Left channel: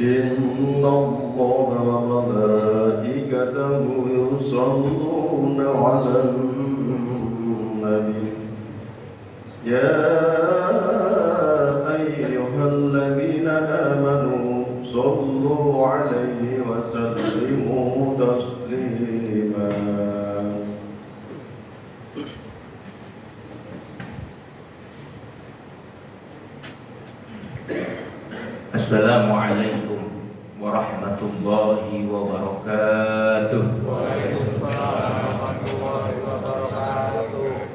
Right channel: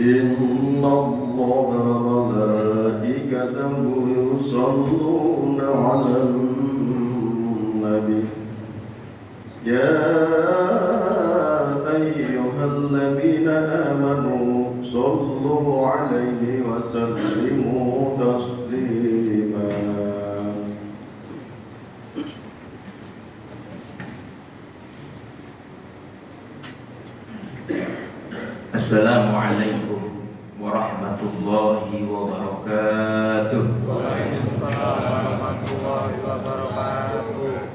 إن الله وملائكته يصلون على النبي يا أيها الذين آمنوا صلوا عليه وسلموا تسليما. Assalamualaikum warahmatullahi wabarakatuh. Waalaikumsalam warahmatullahi wabarakatuh.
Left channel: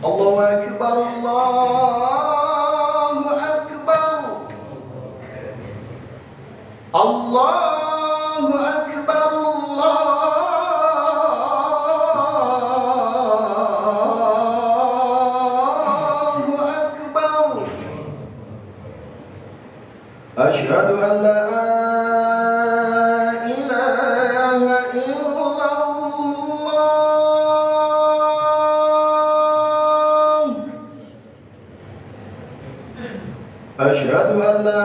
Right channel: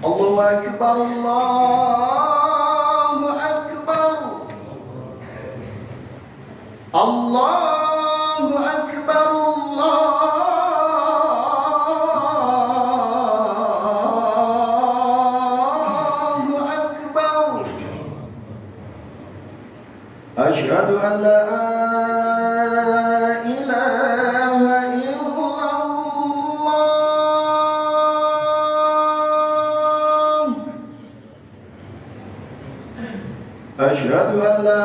Allahu Akbar, Allahu Akbar, Allahu Akbar, Allahu Akbar. Asyhadu an la ilaha illallah. Asyhadu an la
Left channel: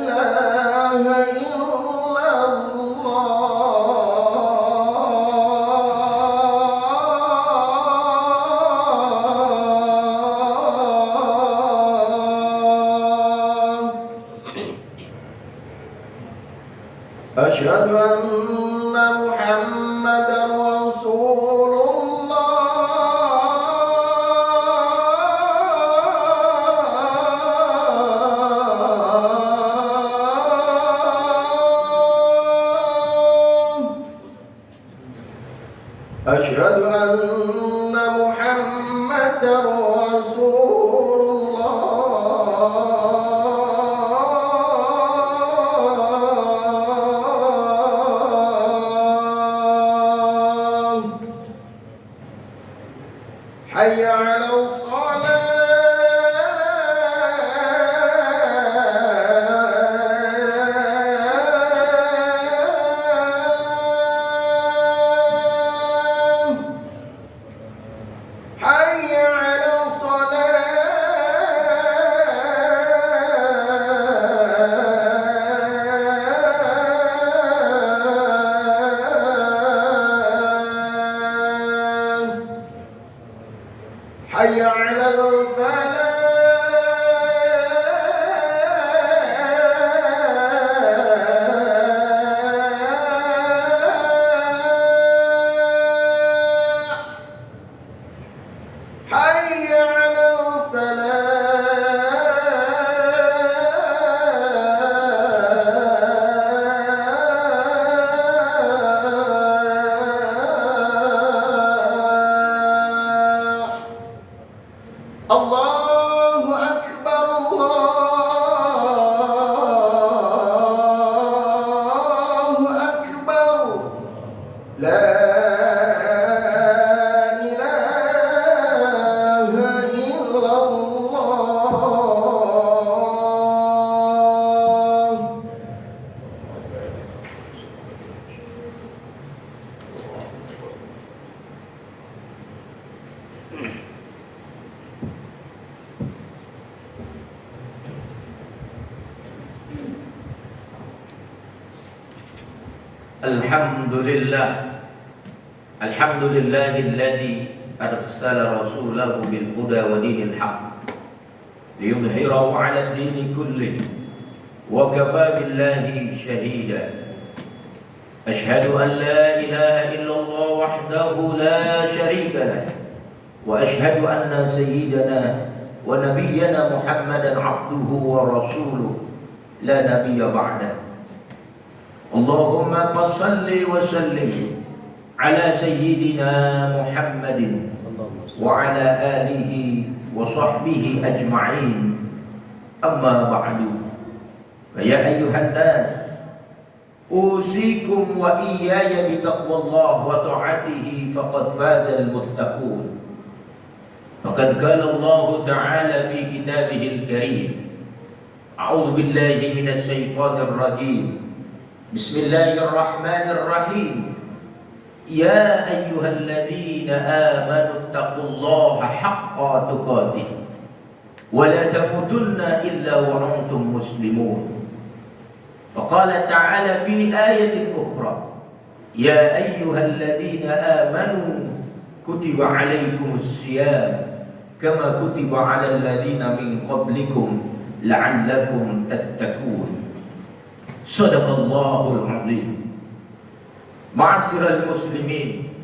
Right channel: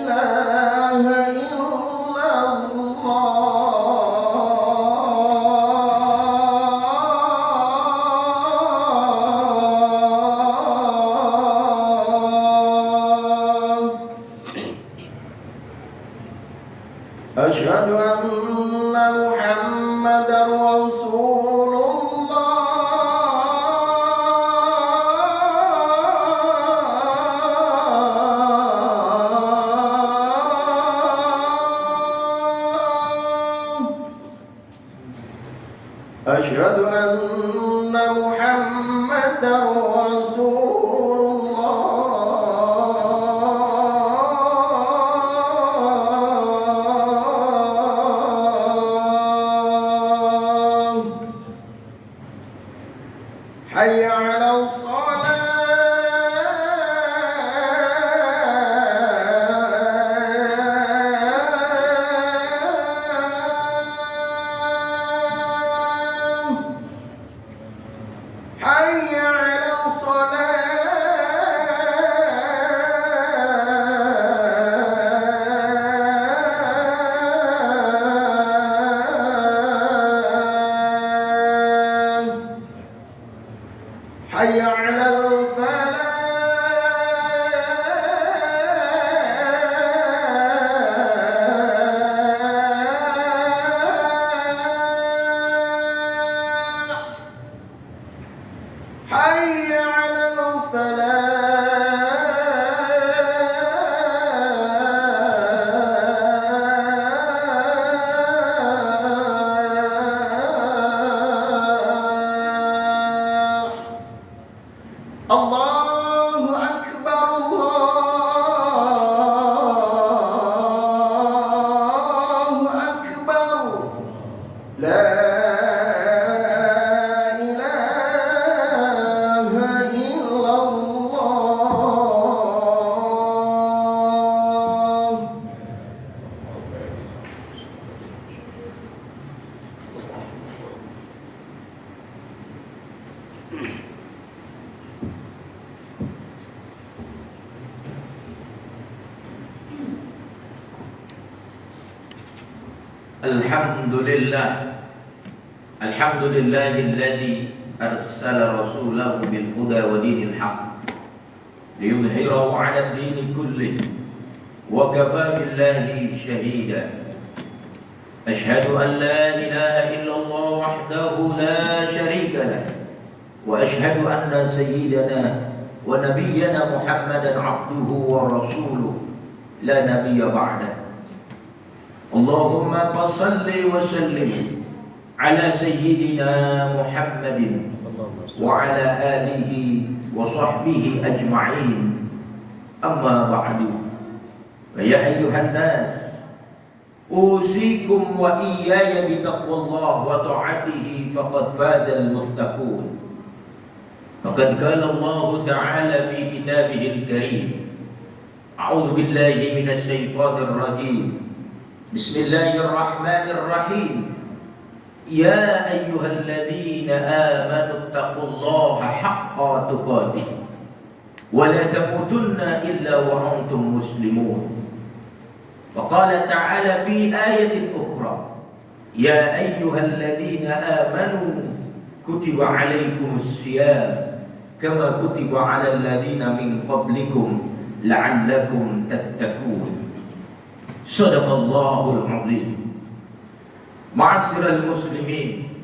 ilaha illallah. Asyhadu anna Muhammadar Rasulullah. Asyhadu anna Muhammadar Rasulullah. Hayya 'alal salat. Hayya 'alal salat. Hayya 'alal falah. Hayya 'alal falah. Allahu Akbar, Allahu Akbar. La ilaha illallah. Alhamdulillahilladzi arsala rasulahu bil huda wa dinil haqq liyudhhirahu 'ala ad-dini kullihi wa kafaa billahi shahida. Ashhadu an la ilaha illallah wahdahu la sharika lah wa ashhadu anna sayyidana wa nabiyyana Muhammadan 'abduhu wa rasuluhu la nabiyya ba'dahu. Allahumma salli wa sallim ala sayyidina Muhammadin wa ala alihi wa sahbihi ajma'in. Amma ba'du. Ya ayyuhan nas, usikum wa iyaya bitaqwallah wa ta'atihi faqad fazal muttaqun. Faqad qala Allah ta'ala fi kitabihil karim. A'udzu billahi minasy syaithanir rajim. Bismillahirrahmanirrahim. Ya ayyuhalladzina amanu taqullaha haqqa tuqatih wa la tamutunna illa wa antum muslimun. Wa qala ta'ala fi ayatin ukhra, ya ayyuhalladzina amanu kutiba alaikumus siyam kama kutiba alal ladzina min qablikum la'allakum tattaqun. Shadaqallahul azim. Ma'asyiral muslimin,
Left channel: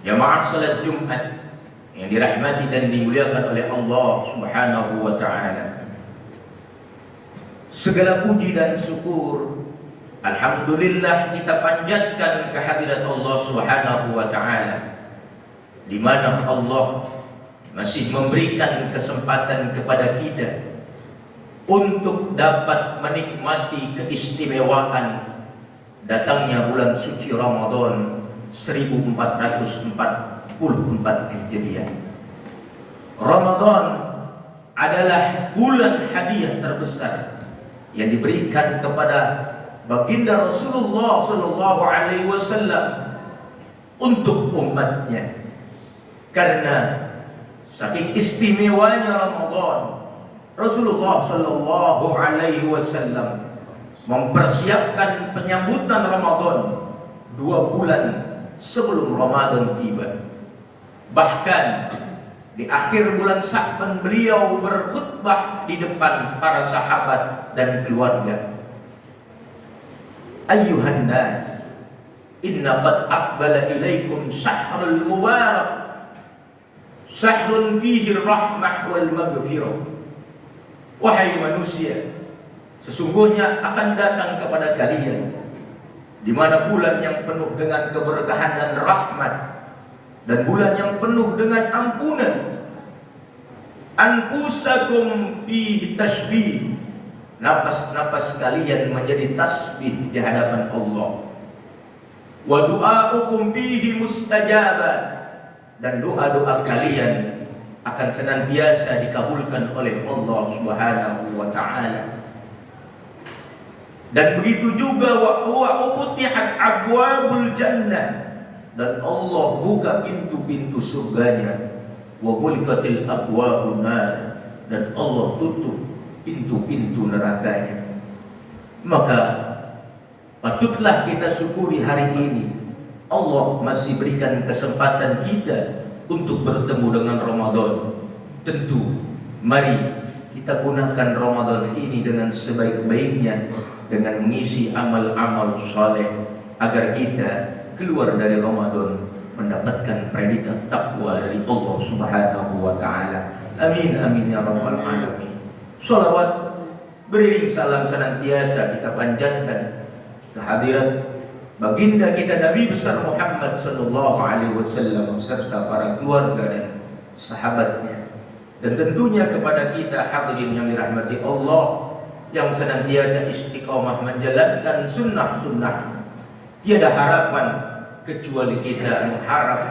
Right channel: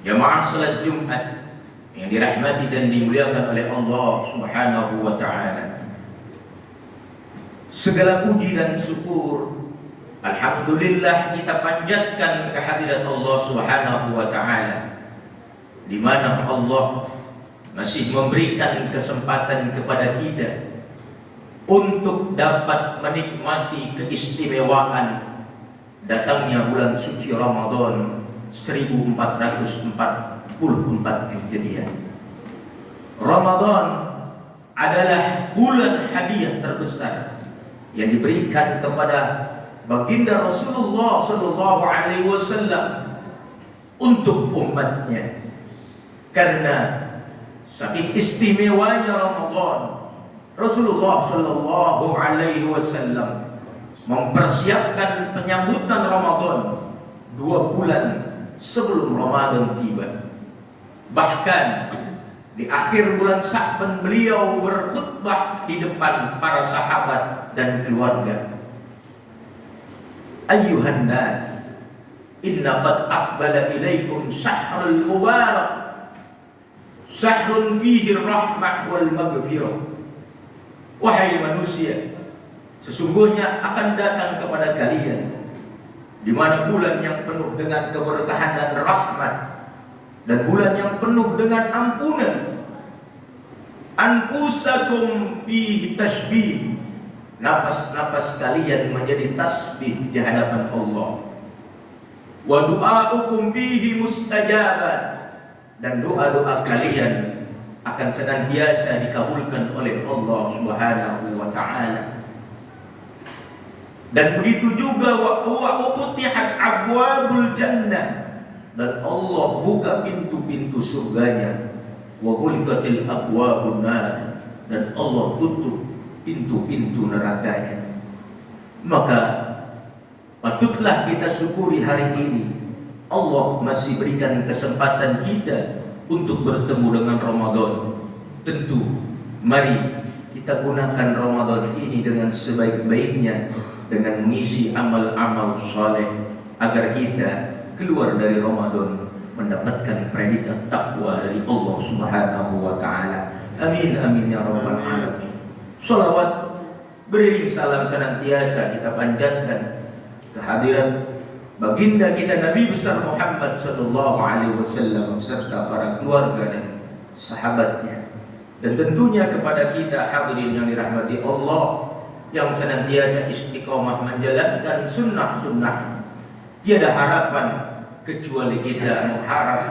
jamaah salat Jumat yang dirahmati dan dimuliakan oleh Allah Subhanahu wa taala. Segala puji dan syukur alhamdulillah kita panjatkan kehadirat Allah Subhanahu wa taala, di mana Allah masih memberikan kesempatan kepada kita untuk dapat menikmati keistimewaan datangnya bulan suci Ramadan 1444 Hijriah. Ramadan adalah bulan hadiah terbesar yang diberikan kepada baginda Rasulullah sallallahu alaihi wasallam untuk umatnya. Karena saking istimewanya Ramadan, Rasulullah sallallahu alaihi wasallam mempersiapkan penyambutan Ramadan 2 bulan sebelum Ramadan tiba. Bahkan di akhir bulan Sya'ban beliau berkhutbah di depan para sahabat dan keluarga. Ayyuhan nas, inna qad aqbala ilaikum syahrul mubarak, syahrun fihi rahmah wal maghfirah. Wahai manusia, sesungguhnya akan datang kepada kalian di mana bulan yang penuh dengan keberkahan dan rahmat, dan bulan yang penuh dengan ampunan. Anfusakum fihi tasbih, napas-napas kalian menjadi tasbih di hadapan Allah. Wa du'aukum fihi mustajabah, dan doa-doa kalian akan senantiasa dikabulkan oleh Allah Subhanahu wa taala. Dan begitu juga wa futihat abwabul jannah, dan Allah buka pintu-pintu surganya. Wa ghulqatil abwabun nar, dan Allah tutup pintu-pintu nerakanya. Maka patutlah kita syukuri hari ini Allah masih berikan kesempatan kita untuk bertemu dengan Ramadan. Tentu mari kita gunakan Ramadan ini dengan sebaik-baiknya, dengan mengisi amal-amal saleh agar kita keluar dari Ramadan mendapatkan predikat takwa dari Allah Subhanahu wa taala. Amin amin ya rabbal alamin. Shalawat beriring salam senantiasa kita panjatkan kehadirat baginda kita Nabi besar Muhammad sallallahu alaihi wasallam serta para keluarga dan sahabatnya, dan tentunya kepada kita hadirin yang dirahmati Allah yang senantiasa istiqomah menjalankan sunnah-sunnah. Tiada harapan kecuali kita mengharap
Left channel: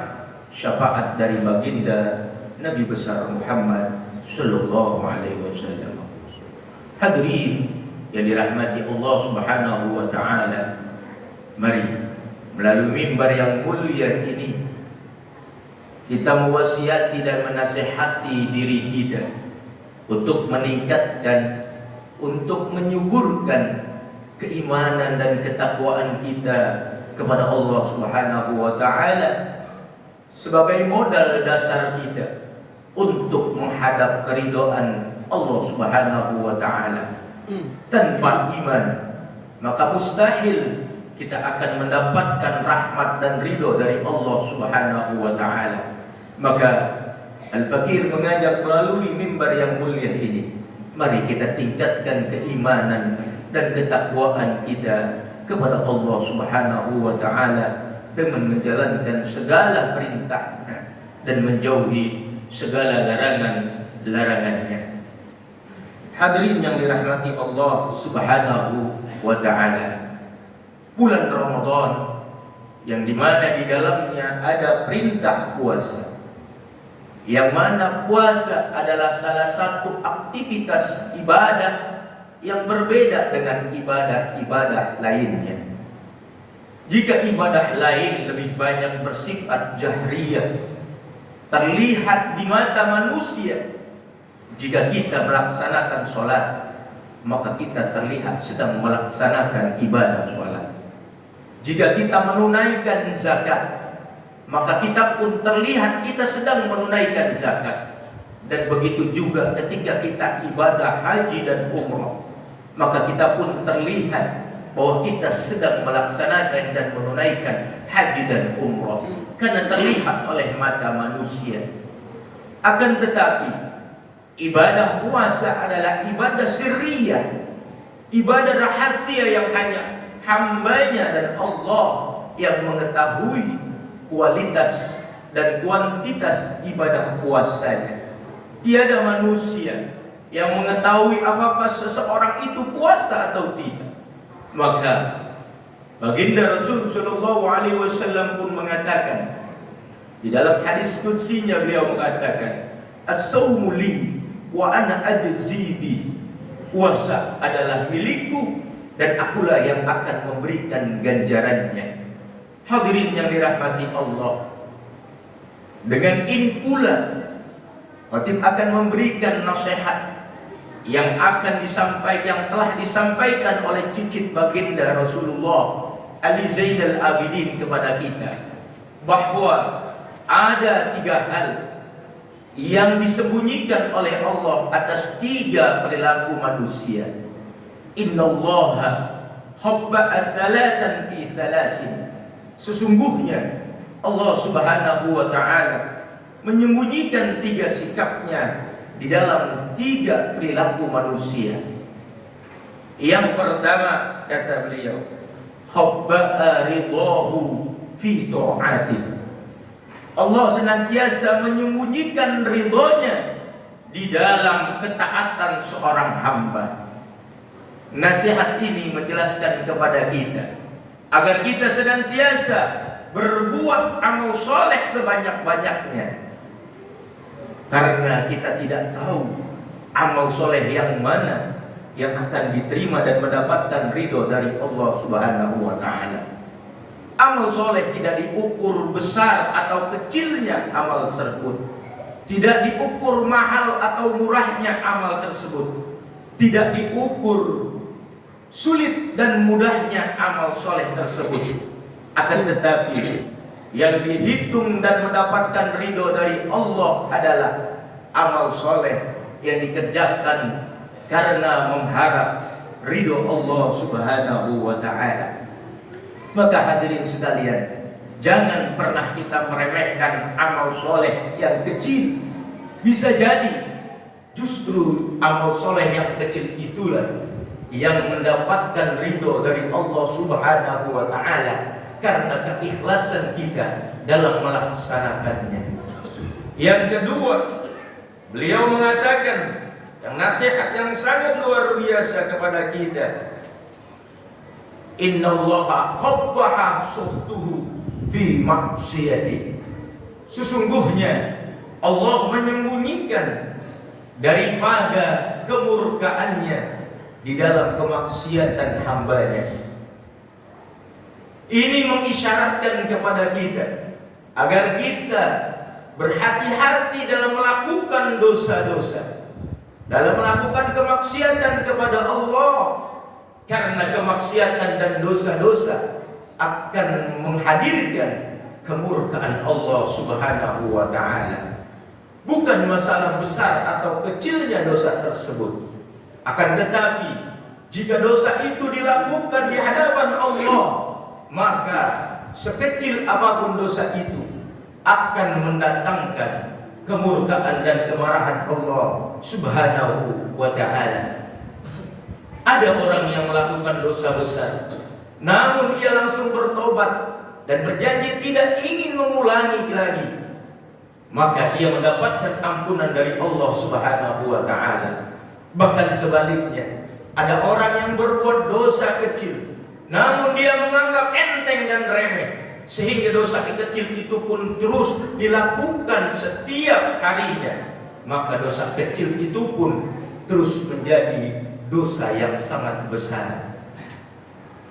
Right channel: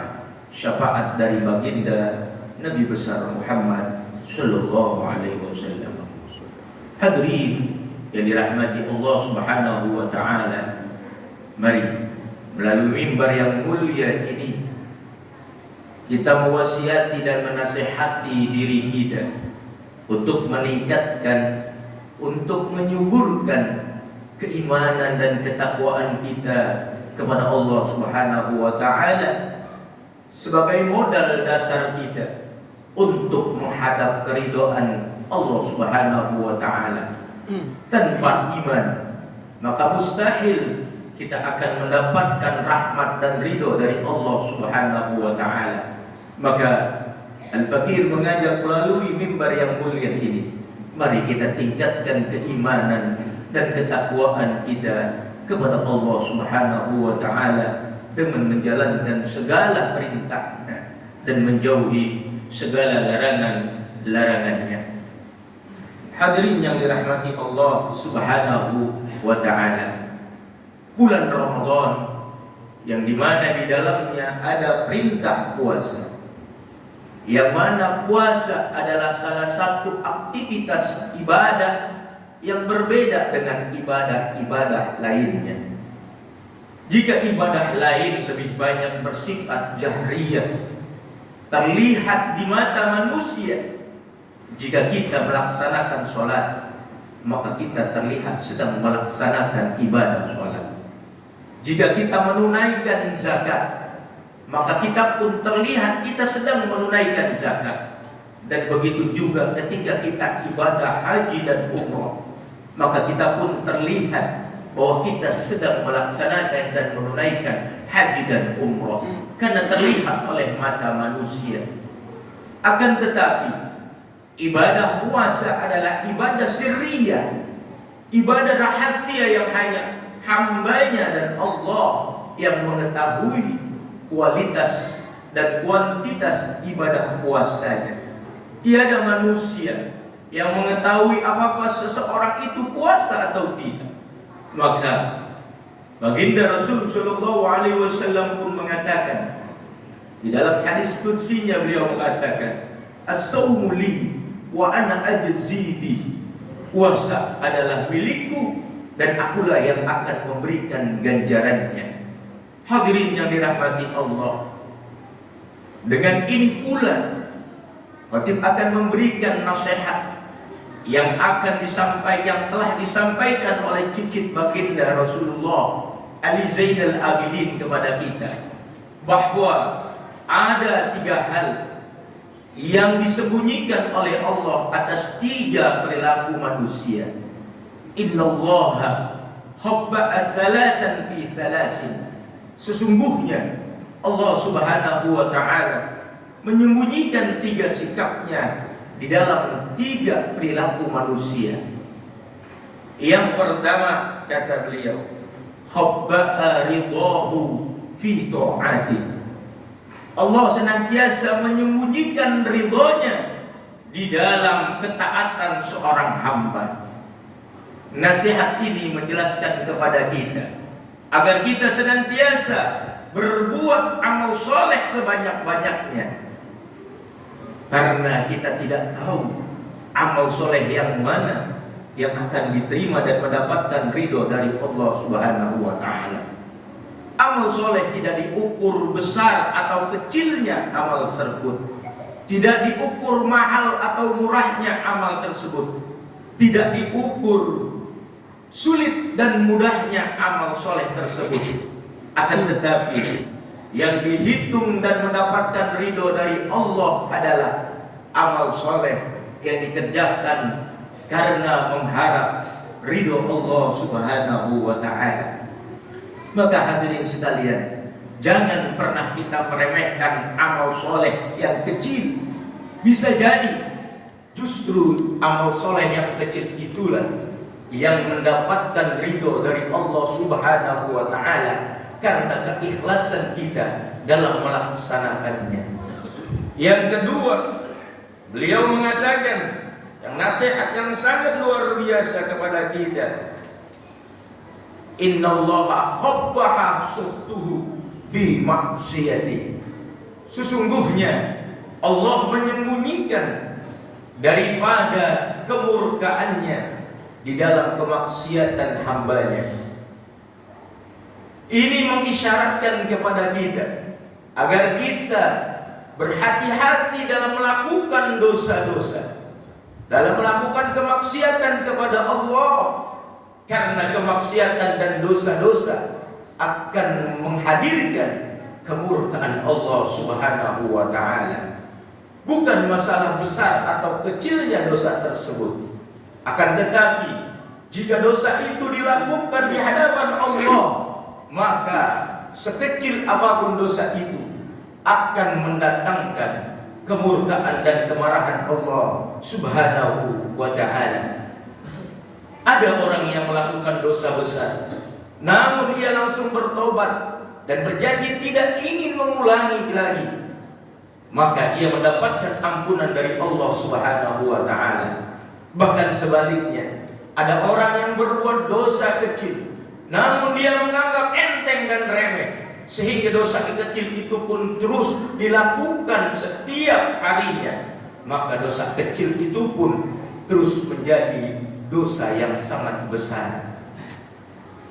syafaat dari baginda Nabi besar Muhammad sallallahu alaihi wasallam. Hadirin yang dirahmati Allah Subhanahu wa taala, mari melalui mimbar yang mulia ini kita mewasiati dan menasihati diri kita untuk meningkatkan, untuk menyuburkan keimanan dan ketakwaan kita kepada Allah Subhanahu wa taala sebagai modal dasar kita untuk menghadap keridhaan Allah Subhanahu wa taala. Tanpa iman maka mustahil kita akan mendapatkan rahmat dan ridho dari Allah Subhanahu wa taala. Maka Al-Fakir mengajak melalui mimbar yang mulia ini, mari kita tingkatkan keimanan dan ketakwaan kita kepada Allah Subhanahu wa taala dengan menjalankan segala perintahnya dan menjauhi segala larangan-larangannya. Hadirin yang dirahmati Allah Subhanahu wa taala, bulan Ramadan yang dimana di dalamnya ada perintah puasa, yang mana puasa adalah salah satu aktivitas ibadah yang berbeda dengan ibadah-ibadah lainnya. Jika ibadah lain lebih banyak bersifat jahriyah, terlihat di mata manusia. Jika kita melaksanakan sholat, maka kita terlihat sedang melaksanakan ibadah sholat. Jika kita menunaikan zakat, maka kita pun terlihat kita sedang menunaikan zakat. Dan begitu juga ketika kita ibadah haji dan umrah, maka kita pun terlihat bahwa kita sedang melaksanakan dan menunaikan haji dan umrah, karena terlihat oleh mata manusia. Akan tetapi ibadah puasa adalah ibadah sirriyah, ibadah rahasia yang hanya hambanya dan Allah yang mengetahui kualitas dan kuantitas ibadah puasanya. Tiada manusia yang mengetahui apakah seseorang itu puasa atau tidak. Maka baginda Rasul sallallahu alaihi wasallam pun mengatakan di dalam hadis qudsinya, beliau mengatakan, "As-saumu li wa ana ajzi bi." Puasa adalah milikku dan akulah yang akan memberikan ganjarannya. Hadirin yang dirahmati Allah, dengan ini pula khatib akan memberikan nasihat yang akan disampaikan, yang telah disampaikan oleh cicit baginda Rasulullah Ali Zainal Abidin kepada kita, bahwa ada 3 hal yang disembunyikan oleh Allah atas 3 perilaku manusia. Innallaha habba'a thalathan fi salasin. Sesungguhnya Allah Subhanahu wa ta'ala menyembunyikan 3 sikapnya di dalam 3 perilaku manusia. Yang pertama, kata beliau, khabba'a ridahu fi ta'ati. Allah senantiasa menyembunyikan ridhonya di dalam ketaatan seorang hamba. Nasihat ini menjelaskan kepada kita agar kita senantiasa berbuat amal soleh sebanyak-banyaknya, karena kita tidak tahu amal soleh yang mana yang akan diterima dan mendapatkan ridho dari Allah Subhanahu wa ta'ala. Amal soleh tidak diukur besar atau kecilnya amal tersebut, tidak diukur mahal atau murahnya amal tersebut, tidak diukur sulit dan mudahnya amal soleh tersebut. Akan tetapi yang dihitung dan mendapatkan ridho dari Allah adalah amal soleh yang dikerjakan karena mengharap ridho Allah Subhanahu wa ta'ala. Maka hadirin sekalian, jangan pernah kita meremehkan amal soleh yang kecil. Bisa jadi justru amal soleh yang kecil itulah yang mendapatkan ridho dari Allah Subhanahu wa ta'ala karena keikhlasan kita dalam melaksanakannya. Yang kedua, beliau mengatakan yang nasihat yang sangat luar biasa kepada kita. Innallaha khabbaha suhtuhu fi maksiyati. Sesungguhnya Allah menyembunyikan daripada kemurkaannya di dalam kemaksiatan hambanya. Ini mengisyaratkan kepada kita agar kita berhati-hati dalam melakukan dosa-dosa, dalam melakukan kemaksiatan kepada Allah, karena kemaksiatan dan dosa-dosa akan menghadirkan kemurkaan Allah Subhanahu wa ta'ala. Bukan masalah besar atau kecilnya dosa tersebut, akan tetapi jika dosa itu dilakukan di hadapan Allah, maka sekecil apapun dosa itu akan mendatangkan kemurkaan dan kemarahan Allah Subhanahu wa ta'ala. Ada orang yang melakukan dosa besar, namun dia langsung bertobat dan berjanji tidak ingin mengulangi lagi, maka ia mendapatkan ampunan dari Allah Subhanahu wa ta'ala. Bahkan sebaliknya, ada orang yang berbuat dosa kecil, namun dia menganggap enteng dan remeh, sehingga dosa kecil itu pun terus dilakukan setiap harinya, maka dosa kecil itu pun terus menjadi dosa yang sangat besar.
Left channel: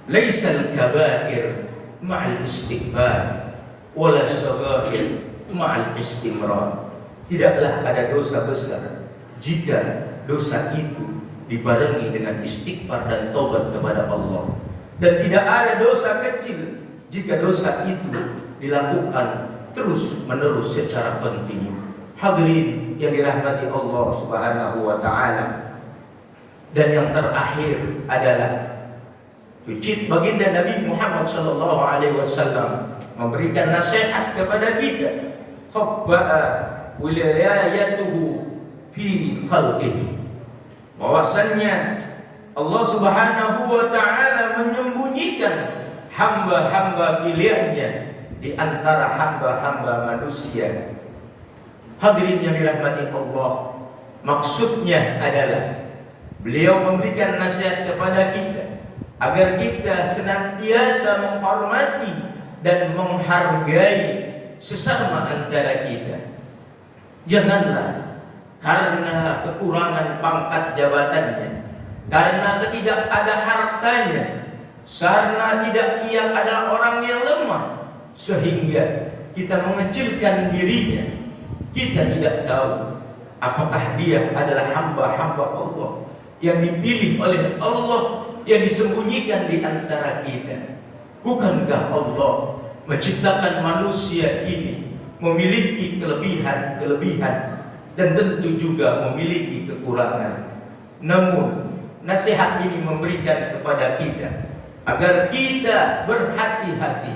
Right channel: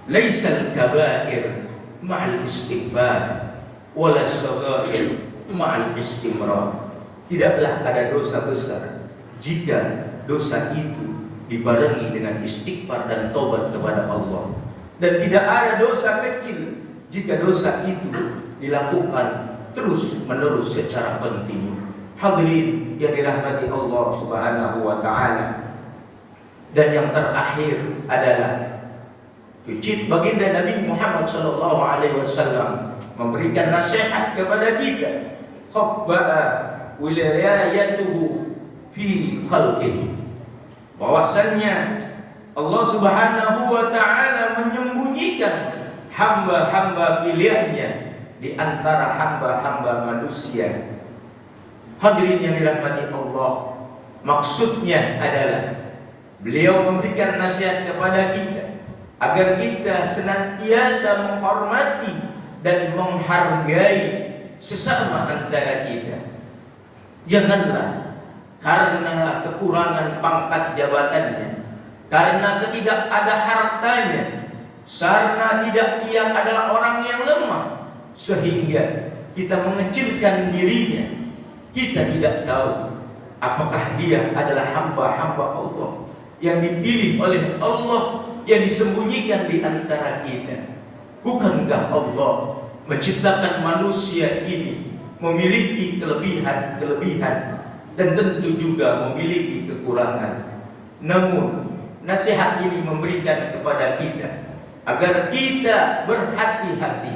Laisal kabair ma'al istighfar wala saghair ma'al istimrar. Tidaklah ada dosa besar jika dosa itu dibarengi dengan istighfar dan taubat kepada Allah, dan tidak ada dosa kecil jika dosa itu dilakukan terus menerus secara kontinu. Hadirin yang dirahmati Allah Subhanahu wa taala. Dan yang terakhir adalah cucit baginda Nabi Muhammad sallallahu alaihi wasallam memberikan nasihat kepada kita, khabba'a wilayatuhu fi khalqihi, bahwasannya Allah Subhanahu wa taala menyembunyikan hamba-hamba pilihannya di antara hamba-hamba manusia. Hadirin yang dirahmati Allah, maksudnya adalah beliau memberikan nasihat kepada kita agar kita senantiasa menghormati dan menghargai sesama antara kita. Janganlah karena kekurangan pangkat jabatannya, karena tidak ada hartanya, karena tidak ia adalah orang yang lemah, sehingga kita mengecilkan dirinya. Kita tidak tahu apakah dia adalah hamba-hamba Allah yang dipilih oleh Allah, yang disembunyikan di antara kita. Bukankah Allah menciptakan manusia ini memiliki kelebihan dan tentu juga memiliki kekurangan. Namun nasihat ini memberikan kepada kita agar kita berhati-hati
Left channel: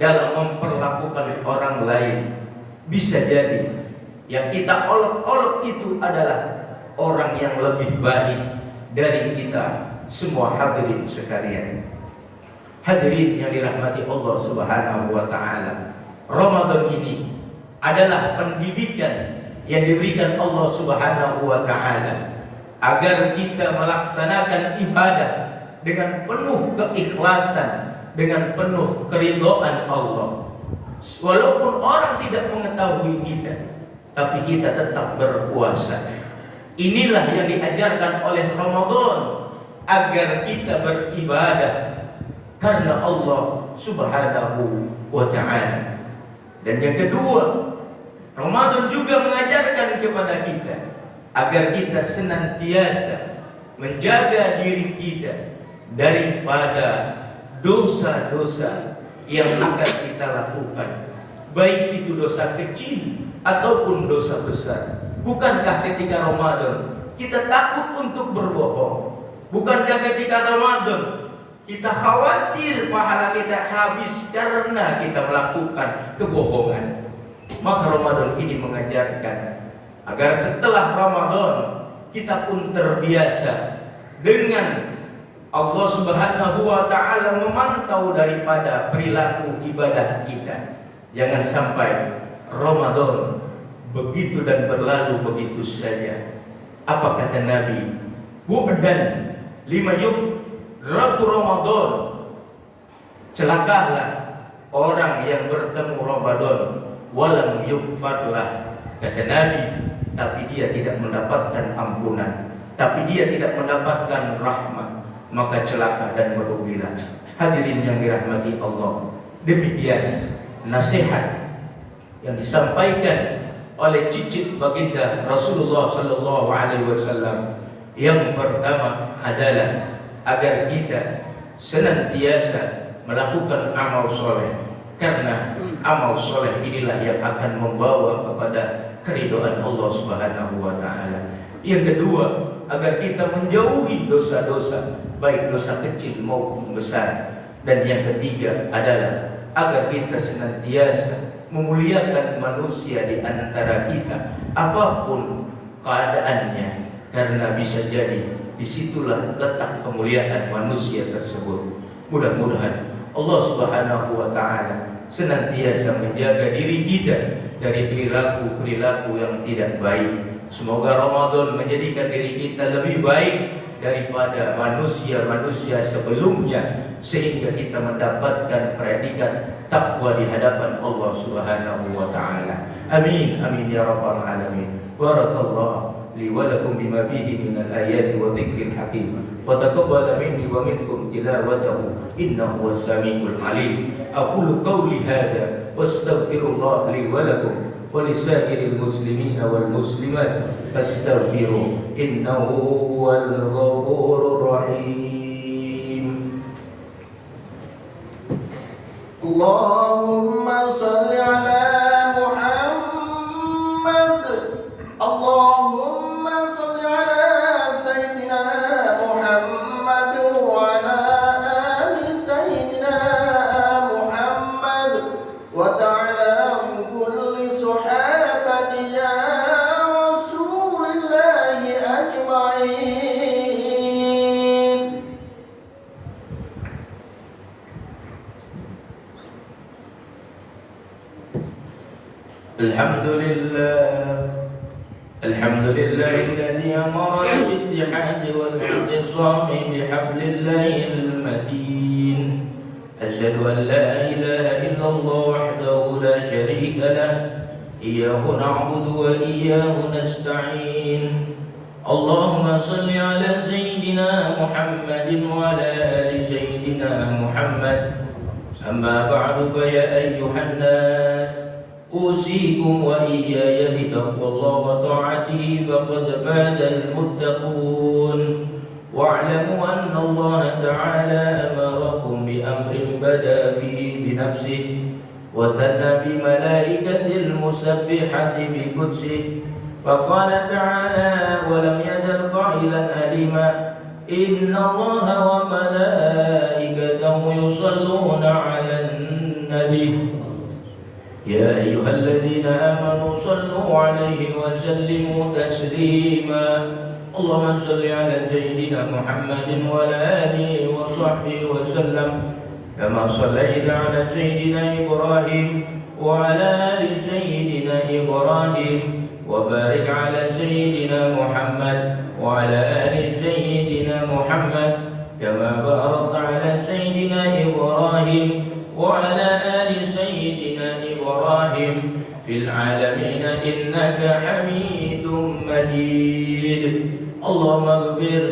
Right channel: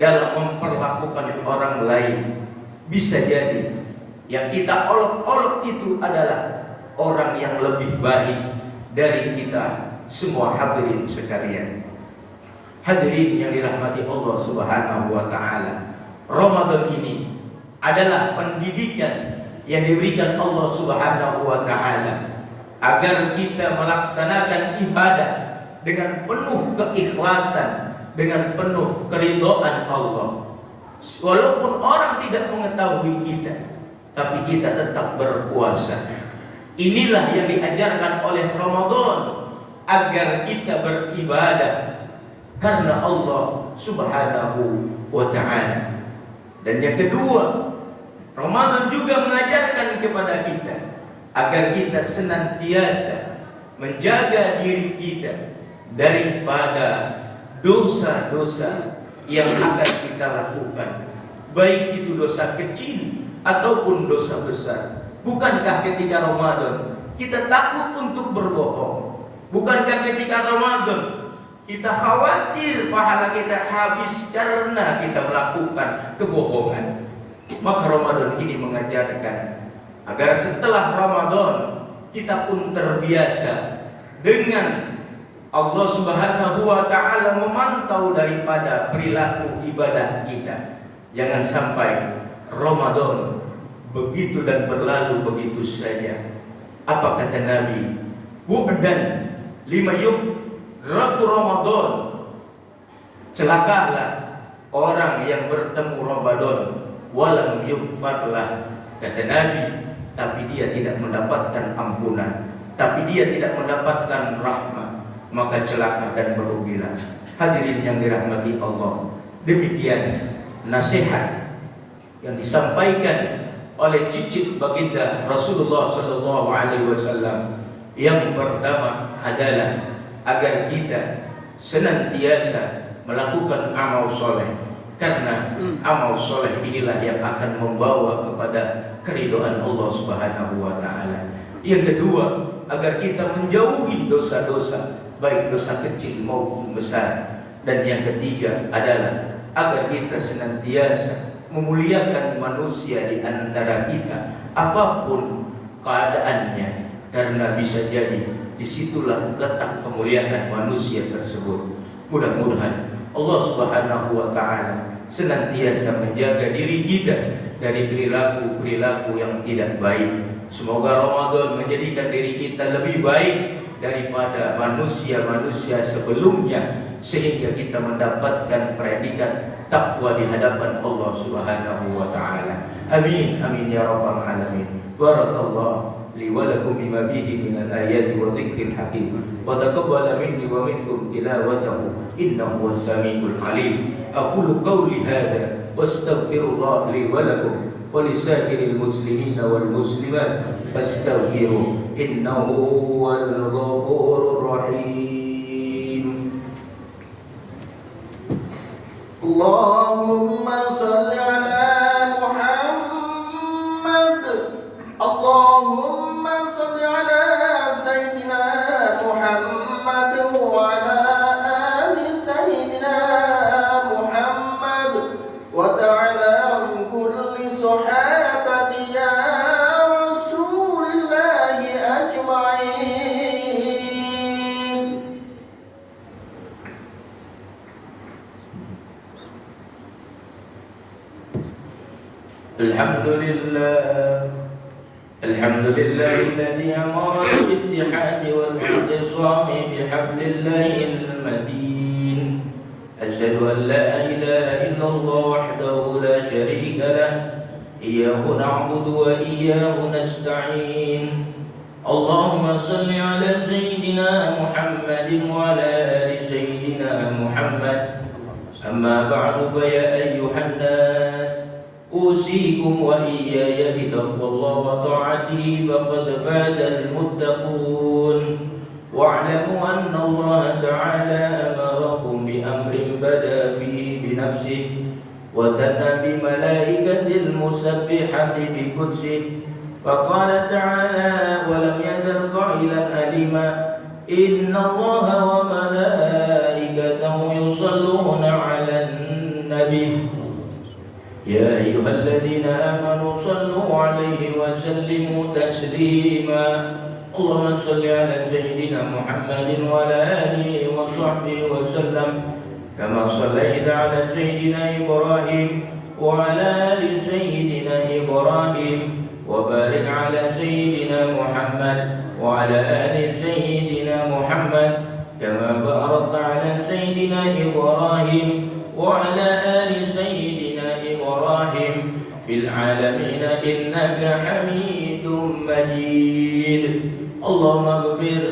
dalam memperlakukan orang lain. Bisa jadi yang kita olok-olok itu adalah orang yang lebih baik dari kita semua. Hadirin sekalian, hadirin yang dirahmati Allah Subhanahu wa taala, Ramadan ini adalah pendidikan yang diberikan Allah Subhanahu wa taala agar kita melaksanakan ibadah dengan penuh keikhlasan, dengan penuh keridhaan Allah. Walaupun orang tidak mengetahui kita, tapi kita tetap berpuasa. Inilah yang diajarkan oleh Ramadan, agar kita beribadah karena Allah Subhanahu wa ta'ala. Dan yang kedua, Ramadan juga mengajarkan kepada kita agar kita senantiasa menjaga diri kita daripada dosa-dosa yang akan kita lakukan, baik itu dosa kecil ataupun dosa besar. Bukankah ketika Ramadan kita takut untuk berbohong? Bukankah ketika Ramadan kita khawatir pahala kita habis karena kita melakukan kebohongan? Maka Ramadan ini mengajarkan agar setelah Ramadan kita pun terbiasa dengan Allah Subhanahu wa ta'ala memantau daripada perilaku ibadah kita. Jangan sampai Ramadan begitu dan berlalu begitu saja. Apa kata Nabi? Bu'dan lima yudraku Ramadan. Celakalah orang yang bertemu Ramadan walam yugfarlah, kata Nabi, tapi dia tidak mendapatkan ampunan, tapi dia tidak mendapatkan rahmat, maka celaka dan merugilah. Hadirin yang dirahmati Allah, demikian nasihat yang disampaikan oleh cicit baginda Rasulullah sallallahu alaihi wasallam. Yang pertama adalah agar kita senantiasa melakukan amal soleh, karena amal soleh inilah yang akan membawa kepada keridhaan Allah Subhanahu wa ta'ala. Yang kedua, agar kita menjauhi dosa-dosa, baik dosa kecil maupun besar. Dan yang ketiga adalah agar kita senantiasa memuliakan manusia di antara kita, apapun keadaannya, karena bisa jadi disitulah letak kemuliaan manusia tersebut. Mudah-mudahan Allah Subhanahu wa ta'ala senantiasa menjaga diri kita dari perilaku-perilaku yang tidak baik. Semoga Ramadan menjadikan diri kita lebih baik daripada manusia-manusia sebelumnya, sehingga kita mendapatkan predikat takwa di hadapan Allah Subhanahu wa ta'ala. Amin amin ya rabbal alamin. Barakallahu li wa lakum bima bihi minal ayati wa dzikril hakim, wa taqabbal minni wa minkum tilawatahu innahu was samiul alim. أقول قولي هذا واستغفر الله لي ولكم ولسائر المسلمين والمسلمات فاستغفروه إنه هو الغفور الرحيم. اللهم صل على محمد. اللهم صل على سيدنا محمد وعلى آل سيدنا محمد وتعالى عن كل صحابة يا رسول الله أجمعين. الحمد لله الذي أمر بالاتحاد والاعتصام بحبل الله المتين. أشهد أن لا إله إلا الله وحده لا شريك له إياه نعبد وإياه نستعين. اللهم صل على سيدنا محمد وعلى آل سيدنا محمد. أما بعد فيا أيها الناس أوصيكم وإياي بتقوى الله وطاعته فقد فاز المتقون. واعلموا أن الله تعالى أمركم بأمر بدأ به بنفسه وثنى بملائكة المسبحة بقدسه فقال تعالى ولم يزل قائلا أليما إن الله وملائكته يصلون على النبي يا أيها الذين آمنوا صلوا عليه وسلموا تسليما. اللهم صل على سيدنا محمد وعلى آله وصحبه وسلم كما صليت على سيدنا إبراهيم وعلى آل سيدنا إبراهيم وبارك على سيدنا محمد وعلى آل سيدنا محمد كما باركت على سيدنا إبراهيم وعلى آل سيدنا إبراهيم في العالمين إنك حميد مجيد. اللهم اغفر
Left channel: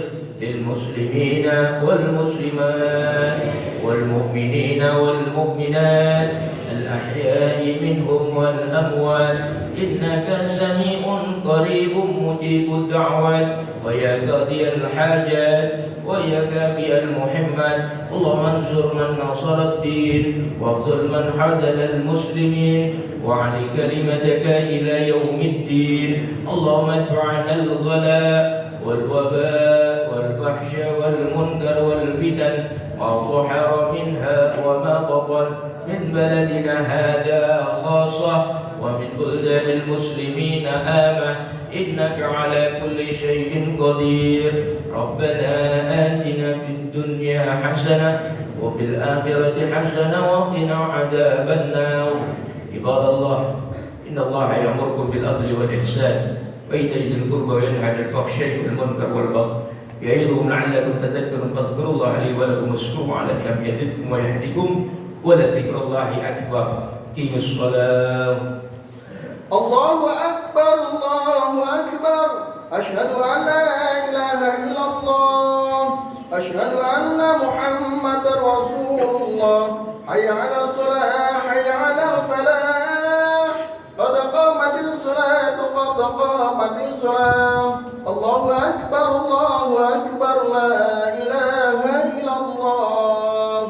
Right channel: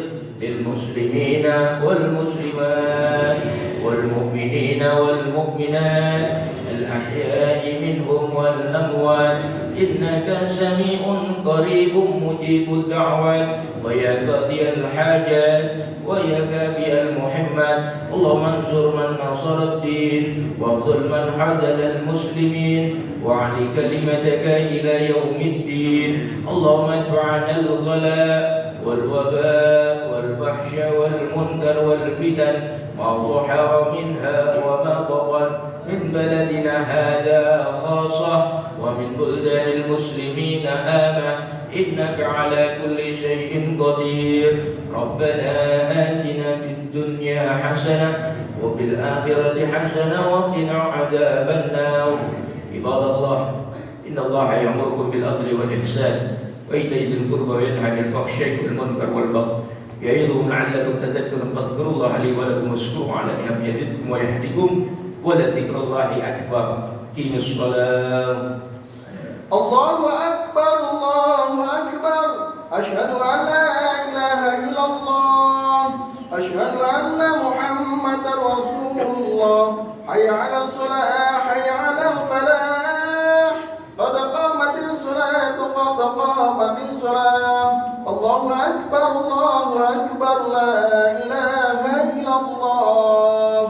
للمسلمين والمسلمات والمؤمنين والمؤمنات الأحياء منهم والأموات إنك سميع قريب مجيب الدعوات ويا قاضي الحاجات ويا كافي المحمد. اللهم انصر من نصر الدين واخذل من حزن المسلمين وعلي كلمتك إلى يوم الدين. اللهم ادفع عنا الغلاء والوباء والفحش والمنكر والفتن ما ظهر منها وما بطن من بلدنا هذا خاصة ومن بلدان المسلمين آمة إنك على كل شيء قدير. ربنا آتنا في الدنيا حسنة وفي الآخرة حسنة وقنا عذاب النار. عباد الله إن الله يأمركم بالعدل والإحسان وإيتاء ذي القربى وينهى عن الفحشاء والمنكر والبغي يعظكم لعلكم تذكرون. فاذكروا الله لي ولكم واشكروا على نعمه يزدكم ويهدكم ولذكر الله أكبر. قيموا الصلاة. الله أكبر الله أكبر. أشهد أن لا إله إلا الله. أشهد أن محمد رسول الله. حي على الصلاة حي على الفلاح قد قامت الصلاة قد قامت الصلاة. الله أكبر الله أكبر لا إله إلا الله.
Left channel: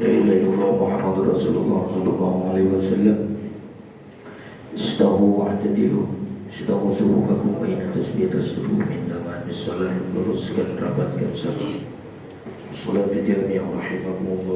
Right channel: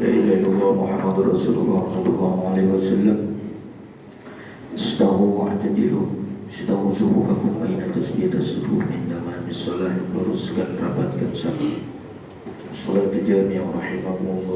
لا إله إلا الله محمد رسول الله صلى الله عليه وسلم. استووا واعتدلوا استووا subuhakum baina tasbih tasbih min tamam salat luruskan rapatkan salat salat jami'ah rahimakumullah.